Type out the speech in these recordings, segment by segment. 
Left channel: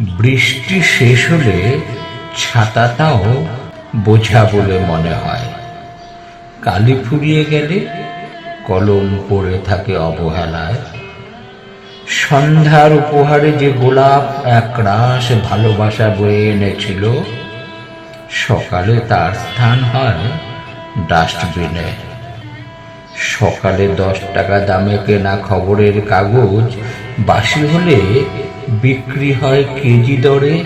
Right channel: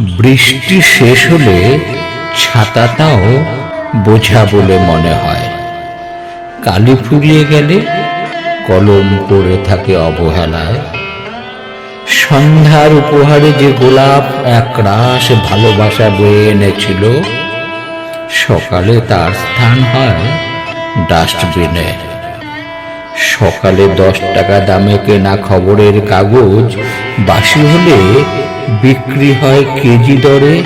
বৃষ্টি শেষ হলে ছাতাটাও বোঝা বলে মনে হয়। কালি ফুরিয়ে গেলে কলম পড়ে থাকে অবহেলায়। সন্ধ্যার উপহারে যে গোলাপ একরাশ ভালোবাসা বয়ে এনেছিল, সকালে তার স্থান হয় ডাস্টবিনে। সকালে দশ টাকা দামে কেনা খবরের কাগজ, বাসি হলে বিক্রি হয় কেজি দরে।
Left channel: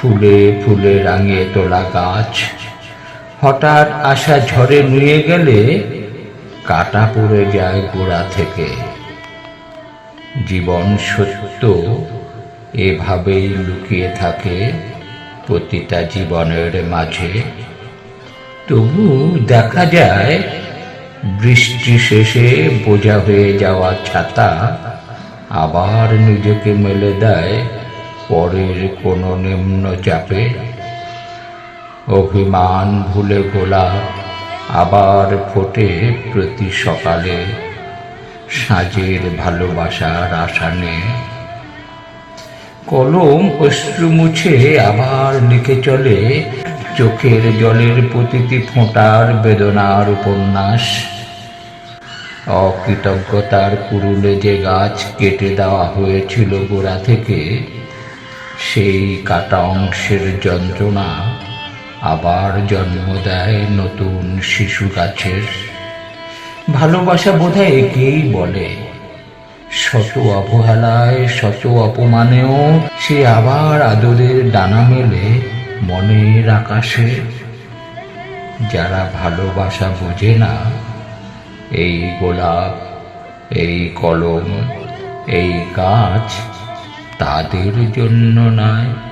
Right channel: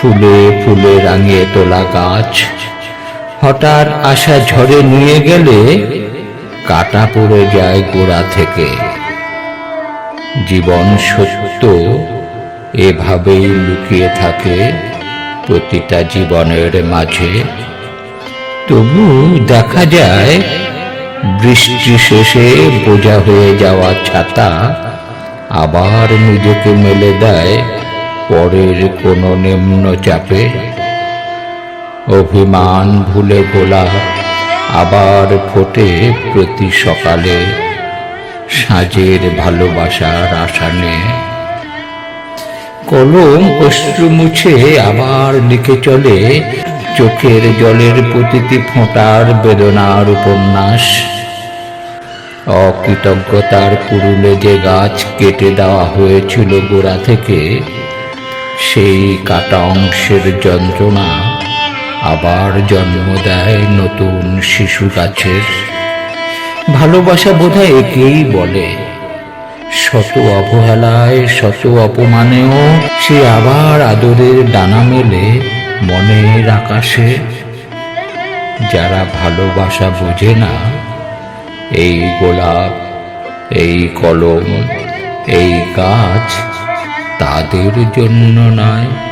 ফুলে ফুলে রাঙিয়ে তোলা গাছ, হঠাৎ আশা ঝড়ে নিয়ে গেলে কাটা পড়ে যায় গোড়া থেকে। জীবন সত্য এভাবেই লুকিয়ে থাকে প্রতিটা জীবনের মাঝে। তবু দেখা যায় বৃষ্টি শেষে বোঝা হয়ে যাওয়া ছাতা আবার নিজেকে মেলে দেয় পরের কোনো নিম্ন চাপে। অভিমান ভুলে গোলাপ আবার ফোটে প্রতি সকালে সাজের ভালোবাসার আশা নিয়ে কলম অশ্রু মুছে আবার লিখে চলে চোখের জলের প্রতিটি ফোঁটার বেদনার উপন্যাস। অকৃতজ্ঞতার কুরুলে যে গাছ কেটে দেওয়া হয়েছিল গোড়া থেকে, সেই কাটা অংশের যন্ত্রণা আবার জন্ম দেয় নতুন শিশু গাছের। ভালোবাসা বোধহয় একেই বলে। শত অবহেলায়, শত অপমানেও সে আবার আদরের ডানা মেলে মনের আকাশে। যারা ভালোবাসা বোঝে না, এই গোলাপ, এই কলম, এই গাছ তাদের জন্য নয়।